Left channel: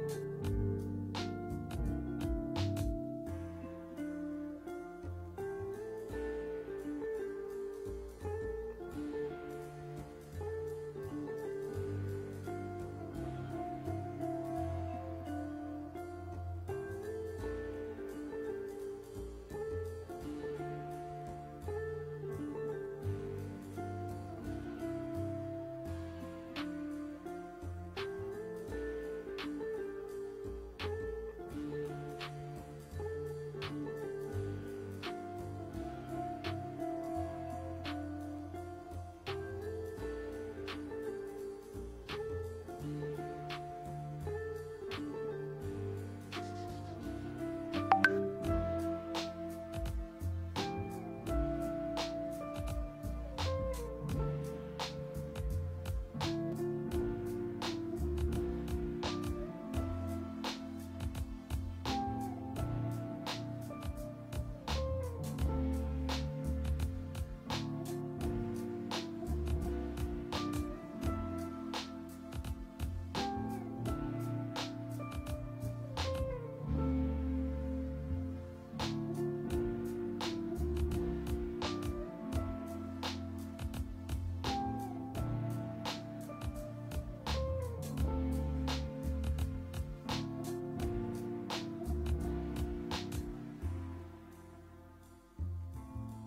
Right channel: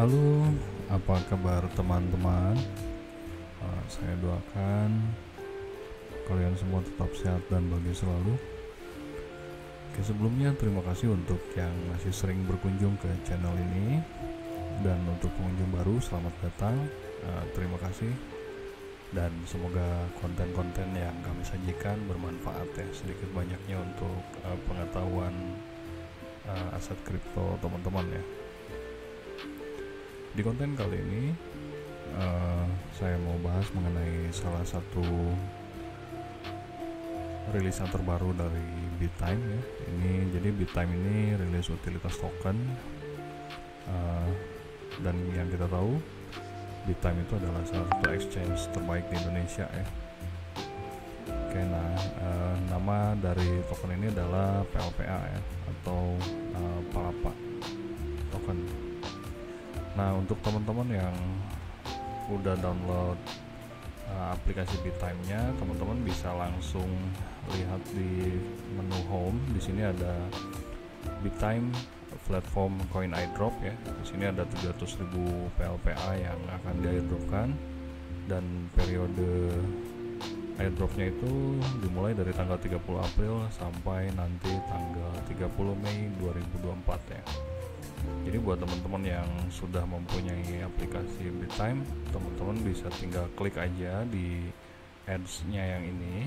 Halo, apa kabar teman-teman? Saya doakan kalian semua tetap sehat dan bahagia selalu. Oke, sebelumnya terima kasih untuk yang masih sering berkunjung ke channel ini, dan untuk pengunjung baru selamat datang. Terima kasih, dan semoga konten-konten yang kami sajikan bermanfaat ya, sedikit banyaknya untuk pengetahuan aset kripto teman-teman ya. Di konten kali ini saya mau bahas mengenai salah satu rilisan terbaru dari Bittime ya. Jadi Bittime ini rilis utilitas token, dan yang kita tahu Bittime itu adalah salah satu exchange terbaik di Indonesia ya. Oke, nama dari token ini adalah PLPA ya, atau Palapa token. Nah, untuk teman-teman yang udah download aplikasi Bittime-nya, teman-teman bisa langsung lihat di menu home. Di sini ada Bittime platform coin airdrop ya. Di sini ada 300.000 PLPA yang akan di-airdropkan, dan periode airdropnya itu dimulai dari tanggal 30 April sampai nanti tanggal 30 Mei 2024 ya. Jadi buat teman-teman yang sudah mempunyai aplikasi Bittime, teman-teman bisa tinggal klik aja di ads-nya yang ini.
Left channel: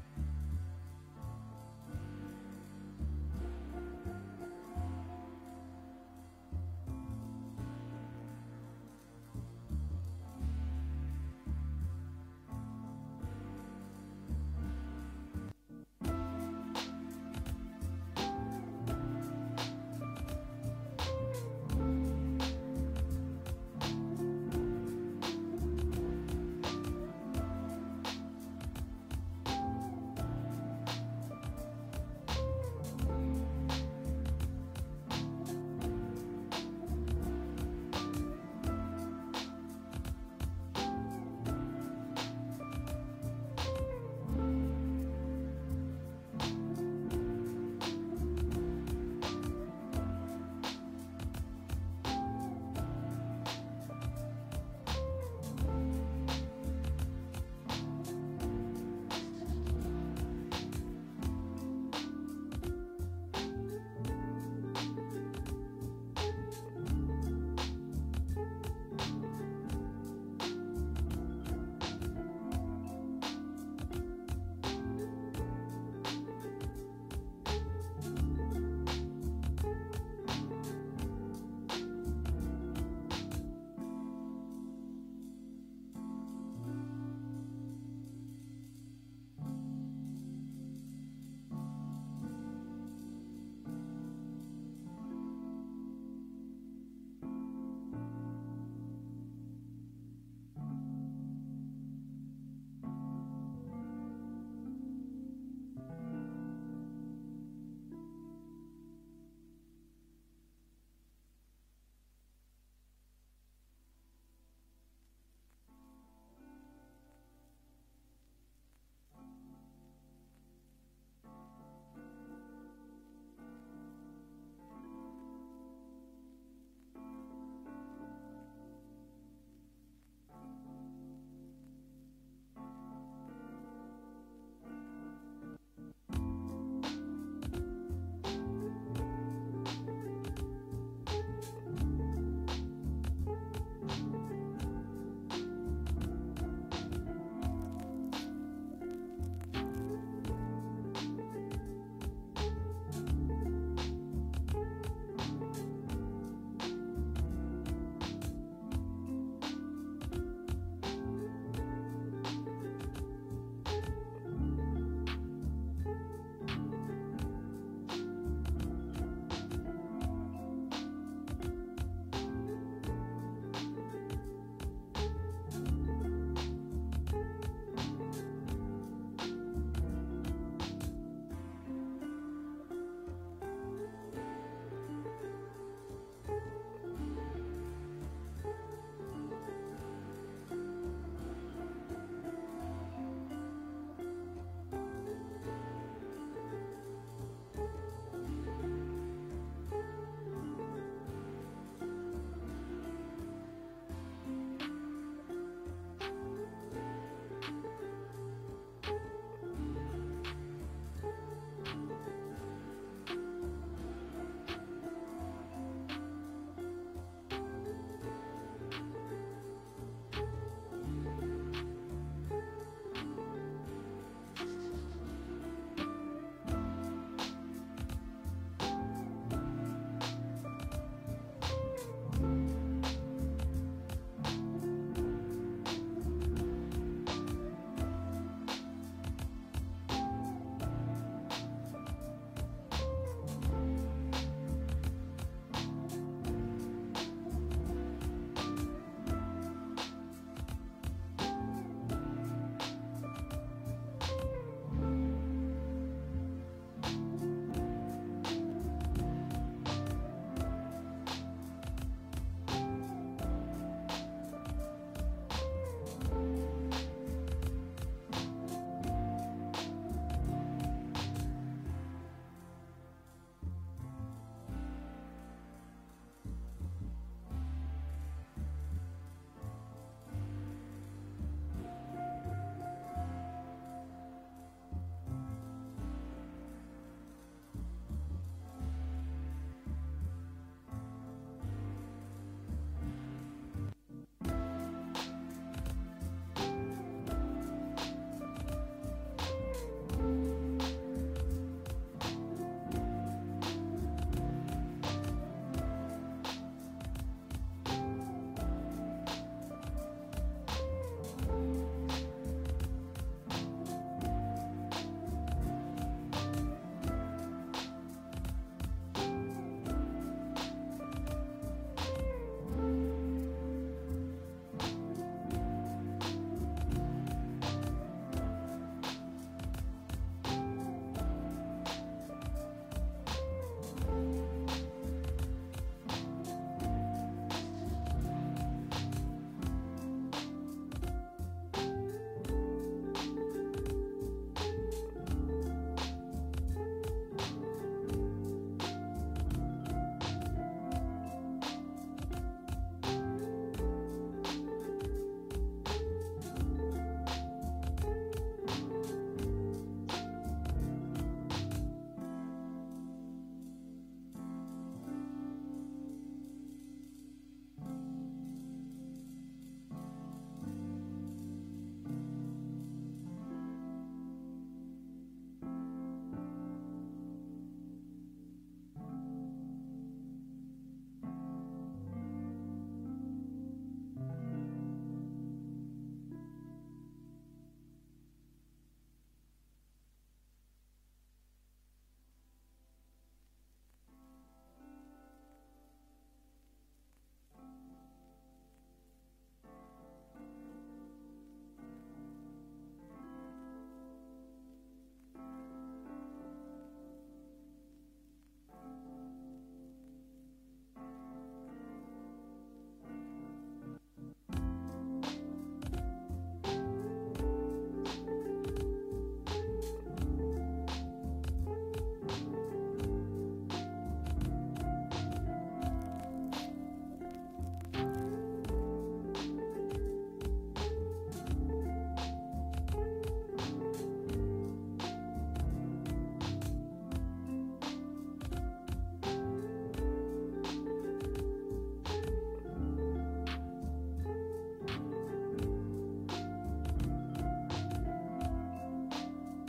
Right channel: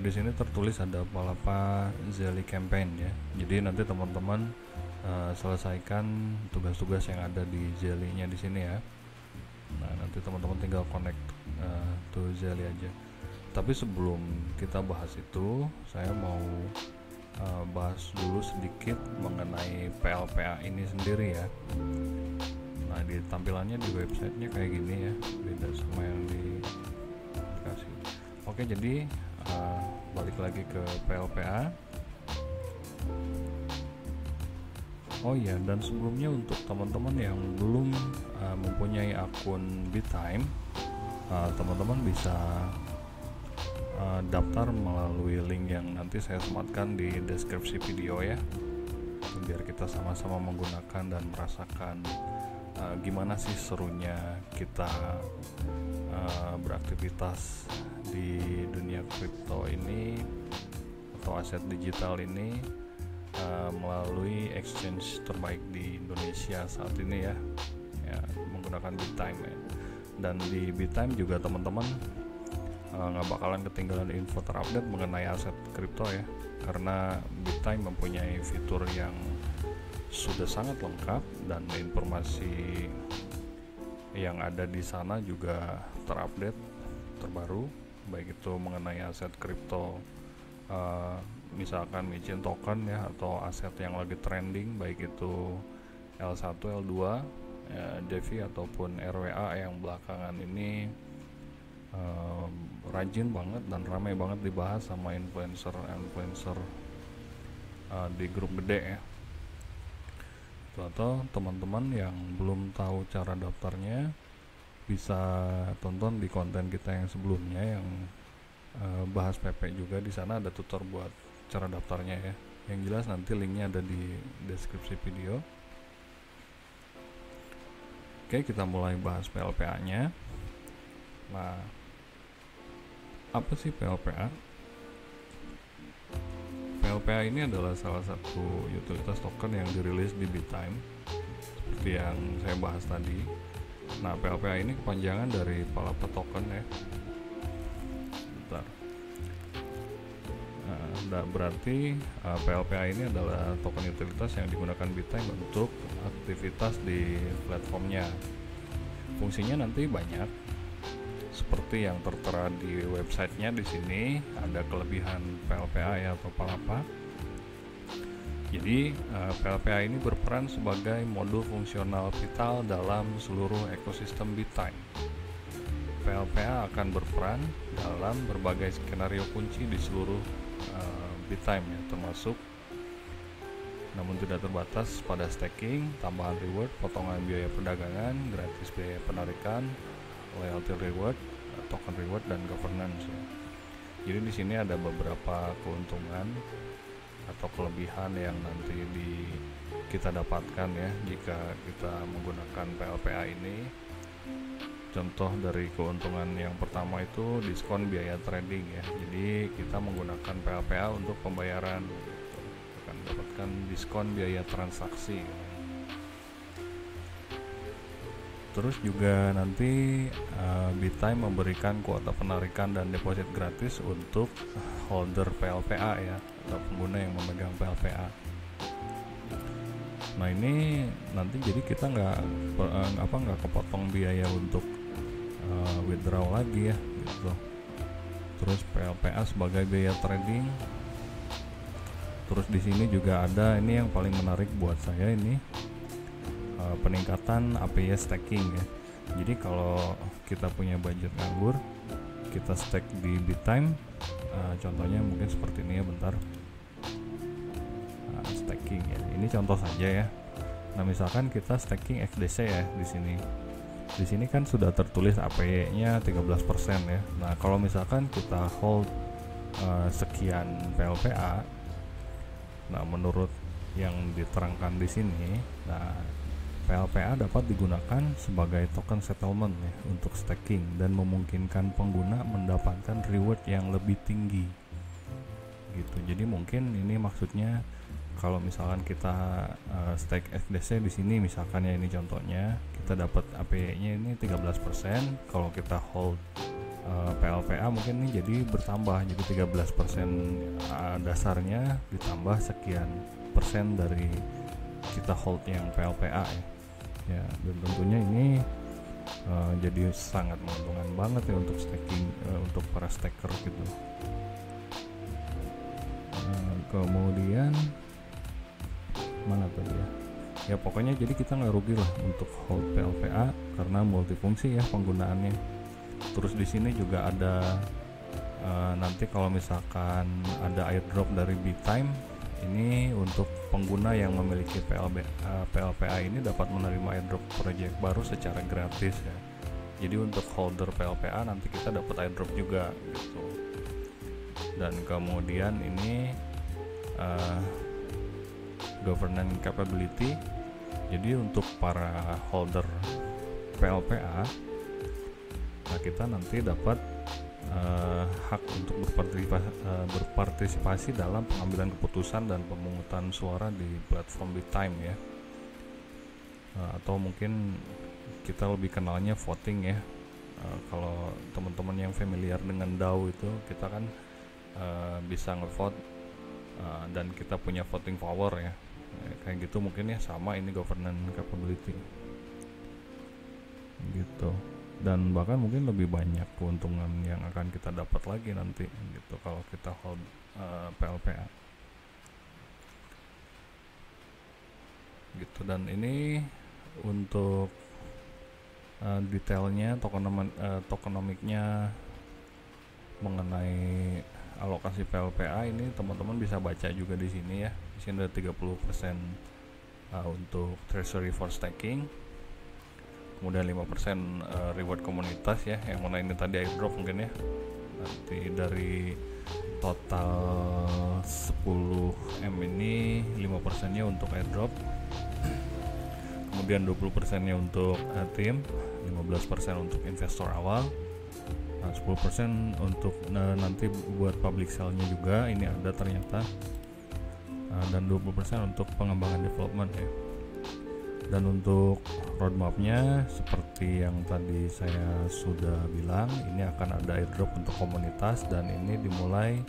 Di sini tertulis ada Palapa Zelly Campaign ya. Jadi nanti teman-teman selesaikan tugas-tugas yang ada di Zelly-nya di sini ya. Nah, nanti teman-teman tinggal connect to Zelly aja. Tapi sebelum kita bahas itu, saya mau bahas dulu sedikit mengenai PLPA ini sendiri ya. Nah, di tampilannya di websitenya kayak gini ya, beda sama yang dikasih. Oke, jadi balik lagi ke PLPA. Oh iya, dan sebelumnya untuk teman-teman yang belum mempunyai akun Bittime, teman-teman bisa daftar melalui link yang nanti saya sematkan di deskripsi video ya, biar kita sama-sama menggunakan dan merasakan gimana sih serunya kita beraktivitas di dunia kripto ini atau aset digital ini melalui exchange terbaik di Indonesia saat ini ya, menggunakan Bittime ya. Dan di Bittime juga teman-teman nggak bakalan ketinggalan info terupdate mengenai aset kripto ya, karena Bittime mempunyai fitur yang sudah sangat lengkap, dan informasi yang ada di sana juga terupdate terbaru, baik itu mengenai aset kripto, misalkan micin token ya, atau aset yang lagi trending, baik itu L1, L2, DeFi ataupun RWA yang belakangan ini rajin banget dan ramai banget dibahas sama influencer di grup gede ya. Atau teman-teman yang belum tahu cara daftarnya, bisa tonton di konten kita yang sebelumnya yang bahas PP juga. Di sana ada tutor buat cara daftarnya ya. Yang jelas nanti linknya ada di deskripsi video. Oke, kita mulai bahas PLPA-nya. Nah, apa sih PLPA? PLPA ini adalah salah satu utilitas token yang dirilis di Bittime, seperti yang saya bahas tadi. Nah, PLPA ini kepanjangan dari Palapa token ya. Bentar. Nah, berarti PLPA ini adalah token utilitas yang digunakan Bittime untuk aktivitas di platformnya. Fungsinya nanti banyak, seperti yang tertera di websitenya. Di sini ada kelebihan PLPA ya, atau Palapa. Jadi PLPA ini berperan sebagai modul fungsional vital dalam seluruh ekosistem Bittime. PLPA akan berperan dalam berbagai skenario kunci di seluruh Bittime ya, termasuk namun tidak terbatas pada staking, tambahan reward, potongan biaya perdagangan, gratis biaya penarikan, loyalty reward, token reward, dan governance. Jadi di sini ada beberapa keuntungan atau kelebihan yang nanti kita dapatkan ya jika kita menggunakan PLPA ini. Contoh dari keuntungan yang pertama itu diskon biaya trading ya. Jadi kita menggunakan PLPA untuk pembayaran akan mendapatkan diskon biaya transaksi. Terus juga nanti BitTime memberikan kuota penarikan dan deposit gratis untuk holder PLPA ya, atau pengguna yang memegang PLPA. Nah ini nanti jadi kita nggak kepotong biaya untuk withdraw lagi ya gitu. Terus PLPA sebagai biaya trading. Terus di sini juga ada ini yang paling menarik buat saya ini, peningkatan APY staking ya. Jadi kalau kita punya budget nganggur, kita stake di BitTime, contohnya mungkin seperti ini ya, bentar. Staking ya, ini contoh saja ya. Nah misalkan kita staking XDC ya di sini. Di sini kan sudah tertulis APY-nya 13% ya. Nah kalau misalkan kita hold sekian PLPA, nah menurut yang diterangkan di sini, nah PLPA dapat digunakan sebagai token settlement ya untuk staking dan memungkinkan pengguna mendapatkan reward yang lebih tinggi gitu. Jadi mungkin ini maksudnya kalau misalkan kita stake XDC di sini misalkan ya, ini contohnya kita dapat APY-nya ini 13%. Kalau kita hold PLPA mungkin ini jadi bertambah, jadi 13% dasarnya ditambah sekian persen dari kita hold yang PLPA ya. Dan tentunya ini jadi sangat menguntungkan banget ya untuk staking, untuk para staker gitu. Kemudian mana tadi ya, pokoknya jadi kita nggak rugi lah untuk hold PLPA karena multifungsi ya penggunaannya. Terus di sini juga ada nanti kalau misalkan ada airdrop dari BitTime, ini untuk pengguna yang memiliki PLPA ini dapat menerima airdrop project baru secara gratis ya. Jadi untuk holder PLPA nanti kita dapat airdrop juga gitu. Dan kemudian ini governance capability. Jadi untuk para holder PLPA, nah kita nanti dapat hak untuk berpartisipasi dalam pengambilan keputusan dan pemungutan suara di platform BitTime ya. Atau mungkin kita lebih kenalnya voting ya. Kalau teman-teman yang familiar dengan DAO itu, kita kan bisa ngevote dan kita punya voting power ya. Kayak gitu mungkin ya, sama ini governance capability gitu. Dan bahkan mungkin lebih banyak keuntungan yang akan kita dapat lagi nanti gitu kalau kita hold PLPA gitu. Dan ini untuk detailnya tokenomiknya mengenai alokasi PLPA ini teman-teman bisa baca juga di sini ya. Di sini ada 30% untuk treasury for staking, kemudian 5% reward komunitas ya, yang mana ini tadi airdrop mungkin ya. Nanti dari total 10M ini 5% nya untuk airdrop, kemudian 20% nya untuk tim, 15% untuk investor awal, 10% untuk nanti buat public sale-nya juga ini ada ternyata, dan 20% untuk pengembangan development ya. Dan untuk roadmap-nya seperti yang tadi saya sudah bilang, ini akan ada airdrop untuk komunitas dan ini dimulai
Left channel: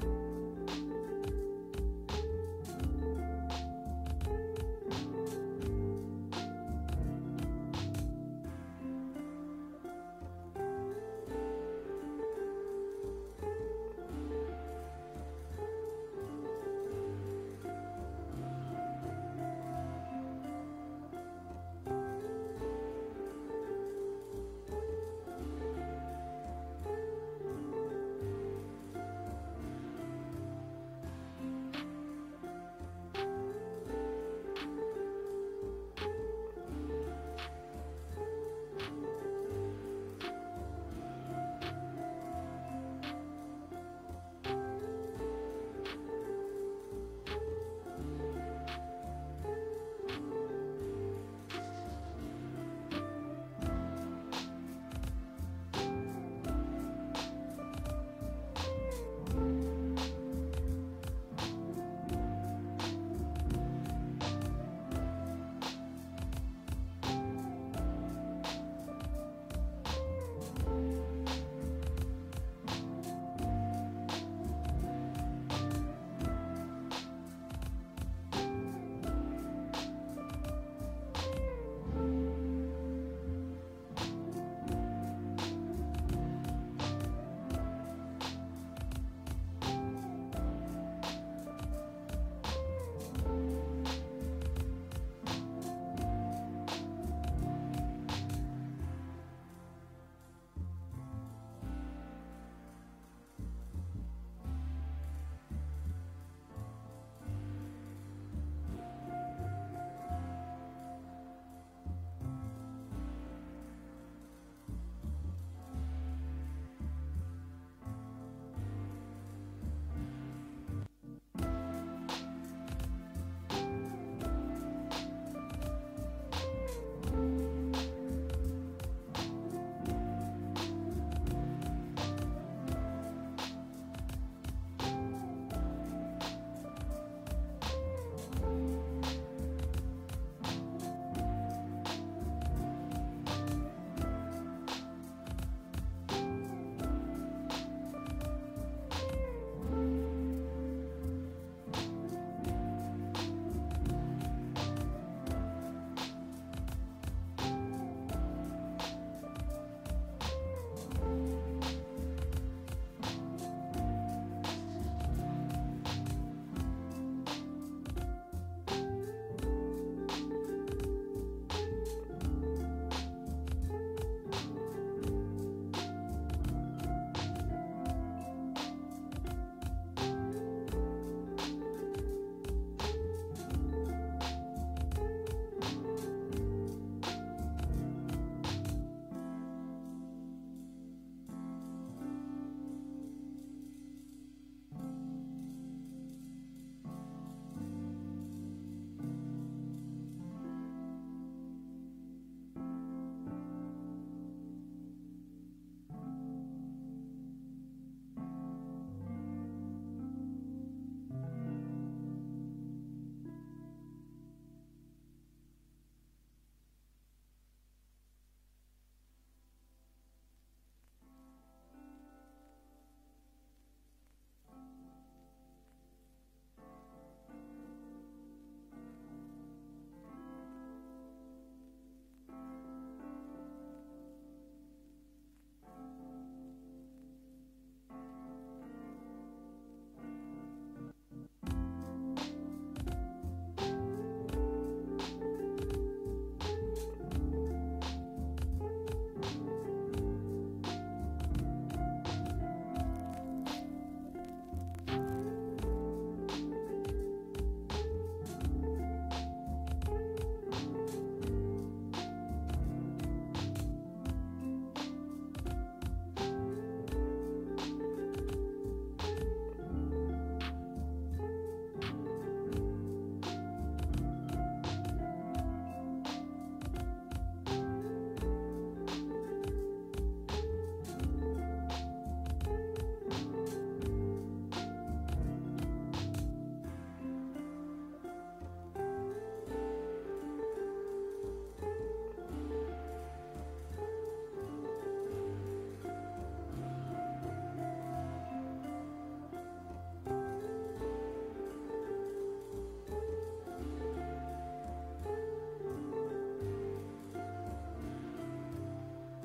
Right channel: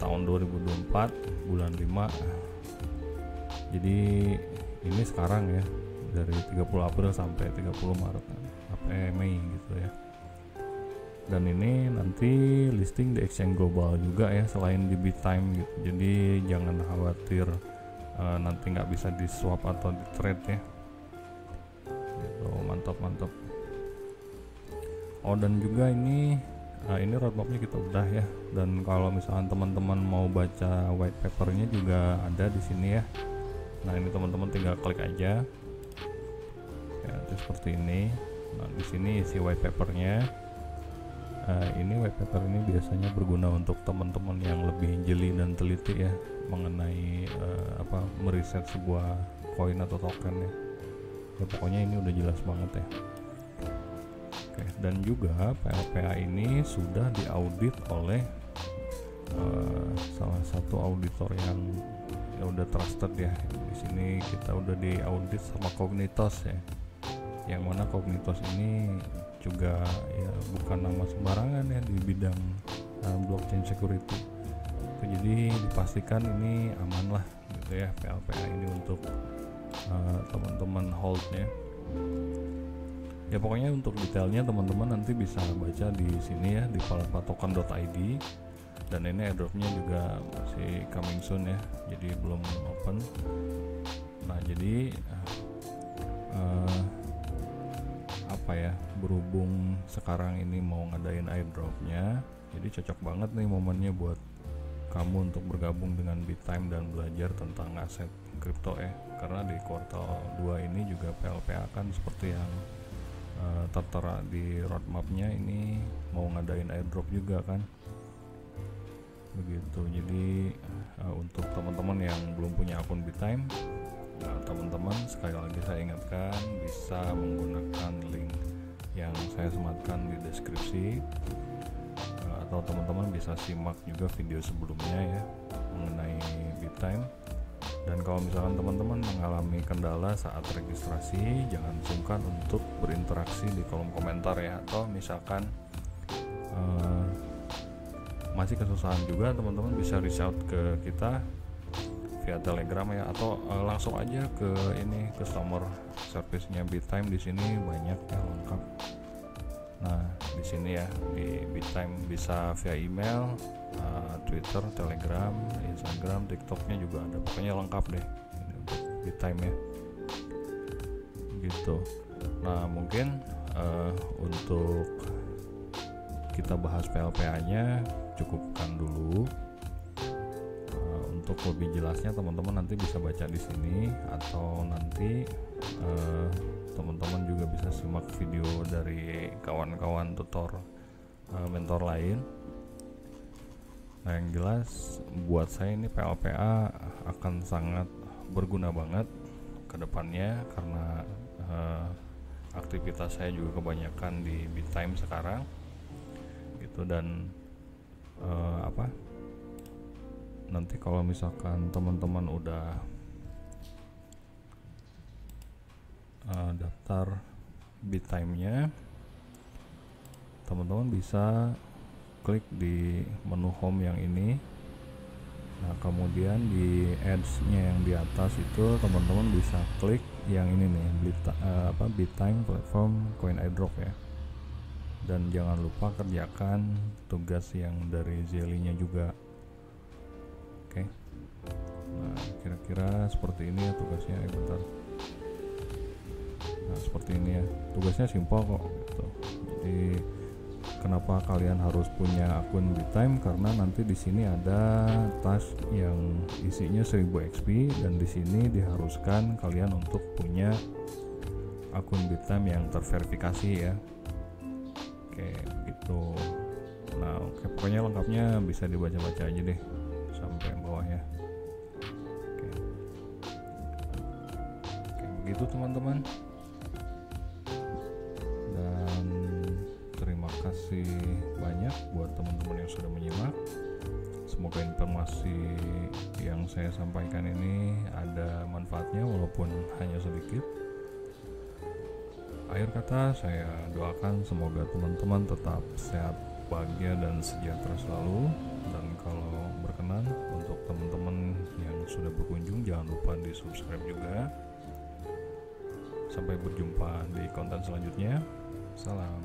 tahun 2024 bulan 5. Jadi ini sekarang ya, dari 30 April sampai 30 Maret Mei gitu ya. Dan ini nanti listing di exchange global juga ya, selain di BitTime gitu. Jadi jangan khawatir nanti nggak bisa di swap atau di trade ya gitu. Mantap. Oh dan juga ini roadmapnya kita udah ya. Dan kalau misalkan teman-teman mau baca white papernya juga ada di sini ya. Nah ini teman-teman tinggal klik aja ya, seperti ini. Nah di sini isi white papernya. Ini white paper ini biasanya berguna untuk teman-teman yang lebih jeli dan teliti ya mengenai meriset sebuah koin atau token ya. Pokoknya ini udah jelas banget ya. Oke, dan juga PLPA ini sudah diaudit oleh salah satu auditor yang udah trusted ya. Di sini kita udah diaudit sama Cognitos ya. Yang mana Cognitos ini juga ya bukan nama sembarangan ya di bidang blockchain security. Jadi dipastikan ini aman lah gitu ya PLPA ini untuk teman-teman holdnya. Ya pokoknya untuk detailnya teman-teman nanti bisa baca di sini ya di palpatoken.id. Dan ini airdropnya juga masih coming soon ya, jadi belum open. Nah jadi berhubung sekarang ini mau ngadain airdropnya, jadi cocok banget nih momennya buat kamu untuk bergabung dengan Bittime dan belajar tentang aset kripto ya. Karena di kuartal 2 ini juga PLPA kan seperti yang tertera di roadmapnya ini mau ngadain airdrop juga kan begitu. Jadi untuk teman-teman yang belum punya akun Bittime, teman-teman sekali lagi saya ingatkan bisa menggunakan link yang saya sematkan di deskripsi, atau teman-teman bisa simak juga video sebelumnya ya mengenai Bittime. Dan kalau misalkan teman-teman mengalami kendala saat registrasi, jangan sungkan untuk berinteraksi di kolom komentar ya, atau misalkan masih kesusahan juga, teman-teman bisa reach out ke kita via Telegram ya, atau langsung aja ke ini customer service-nya Bittime. Di sini banyak yang lengkap. Nah, di sini ya di Bittime bisa via email, Twitter, Telegram, Instagram, TikToknya juga ada. Pokoknya lengkap deh Bittime ya. Gitu. Nah, mungkin untuk kita bahas PLPA-nya cukupkan dulu. Untuk lebih jelasnya teman-teman nanti bisa baca di sini, atau nanti teman-teman juga bisa simak video dari kawan-kawan tutor mentor lain. Nah, yang jelas buat saya ini PLPA akan sangat berguna banget ke depannya, karena aktivitas saya juga kebanyakan di Bittime sekarang gitu. Dan nanti kalau misalkan teman-teman udah daftar Bittime-nya, teman-teman bisa klik di menu home yang ini. Nah, kemudian di ads-nya yang di atas itu teman-teman bisa klik yang ini nih, Bittime Platform Coin Airdrop ya. Dan jangan lupa kerjakan tugas yang dari Zelly-nya juga. Oke. Nah, kira-kira seperti ini ya tugasnya ya, bentar. Nah, seperti ini ya. Tugasnya simpel kok gitu. Jadi kenapa kalian harus punya akun Bittime? Karena nanti di sini ada task yang isinya 1000 XP, dan di sini diharuskan kalian untuk punya akun Bittime yang terverifikasi ya. Pokoknya lengkapnya bisa dibaca-baca aja deh sampai bawahnya. Oke, begitu teman-teman. Dan terima kasih banyak buat teman-teman yang sudah menyimak. Semoga informasi yang saya sampaikan ini ada manfaatnya walaupun hanya sedikit. Akhir kata, saya doakan semoga teman-teman tetap sehat, bahagia, dan sejahtera selalu. Dan kalau berkenan, untuk teman-teman yang sudah berkunjung, jangan lupa di subscribe juga. Sampai berjumpa di konten selanjutnya. Salam.